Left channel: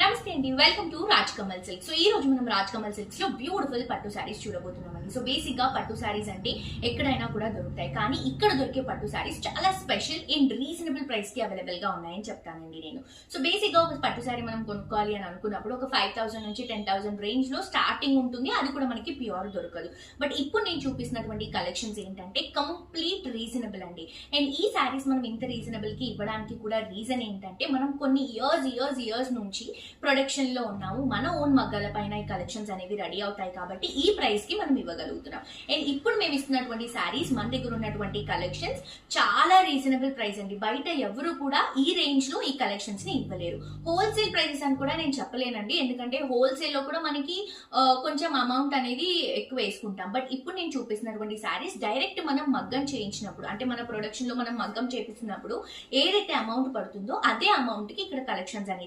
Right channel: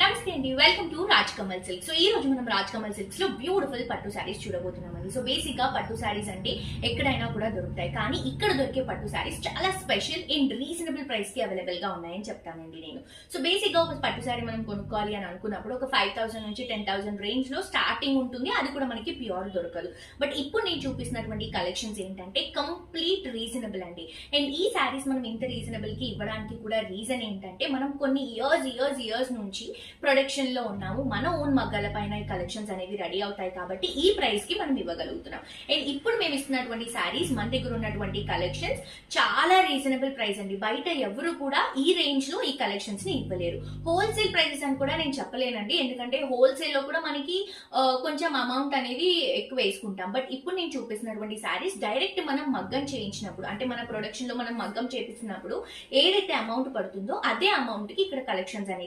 నమస్తే అండి, welcome to Raj Kamal silk. So ఈ రోజు మనం రాజ్ కమల్ సిల్క్స్ లో బ్యూటిఫుల్ పట్టు శారీస్ చూడబోతున్నామండి. సో బేసిక్ గా పట్టు శారీస్ అంటే ఎక్కడైనా కూడా దొరుకుతాయి, కానీ ఇక్కడ దొరికే పట్టు శారీస్ చాలా స్పెషల్ ఇన్ రీజనబుల్ ప్రైస్ కి అవైలబుల్ గా ఉన్నాయని చెప్తానండి నేను. సో బేసిక్ గా ఒక పట్టు శారీ మనం కొనుక్కోవాలి అని అనుకున్నప్పుడు ఒక 5,000 నుంచి 10,000 రేంజ్ లో స్టార్టింగ్ ఉంటుంది. అది కూడా మనకి ప్యూర్ దొరకదు. బట్ ఇప్పుడు నేను చూపిస్తున్నటువంటి కలెక్షన్స్ ఏంటంటే కంప్లీట్ రీజనబుల్ అండి. అండ్ ఈ శారీస్ మనం ఇంత రీజనబుల్ కి ఇవ్వడానికి కూడా రీజన్ ఏంటంటే మనం కొన్ని ఇయర్స్ నుంచి ప్రొడక్షన్ లో ఉన్నాము. మన ఓన్ మగ్గాల పైన ఈ కలెక్షన్స్ అనేవి రెడీ అవుతాయి కాబట్టి ఈ ప్రైస్ కి మనం ఇవ్వగలుగుతున్నాం. అండ్ ఇప్పుడు మేము ఇస్తున్నటువంటి శారీస్ మన దగ్గర ఉన్నటువంటి కలెక్షన్స్ చాలా రీజనబుల్ ప్రైస్ అండి. బయట ఎవరు కూడా ఈ రేంజ్ లో ఈ కలెక్షన్స్ ని ఇవ్వలేరు. హోల్సేల్ ప్రైసెస్ అని కూడా నేను చెప్పలేనండి, ఎందుకంటే హోల్సేల్ లో కూడా మనకి కొంచెం అమౌంట్ అనేది ఎక్కువ వేసుకుంటాం. బట్ ఇప్పుడు నేను చూపిస్తున్నటువంటి శారీస్ డైరెక్ట్ మనం మగ్గం చేయించినప్పుడు, అంటే మన ప్రొడక్షన్ లో మనం మగ్గం చేపిస్తున్నప్పుడు ఏదైతే అమౌంట్ పడుతుందో అదే అమౌంట్ కి ఇక్కడ కలెక్షన్స్ అనేవి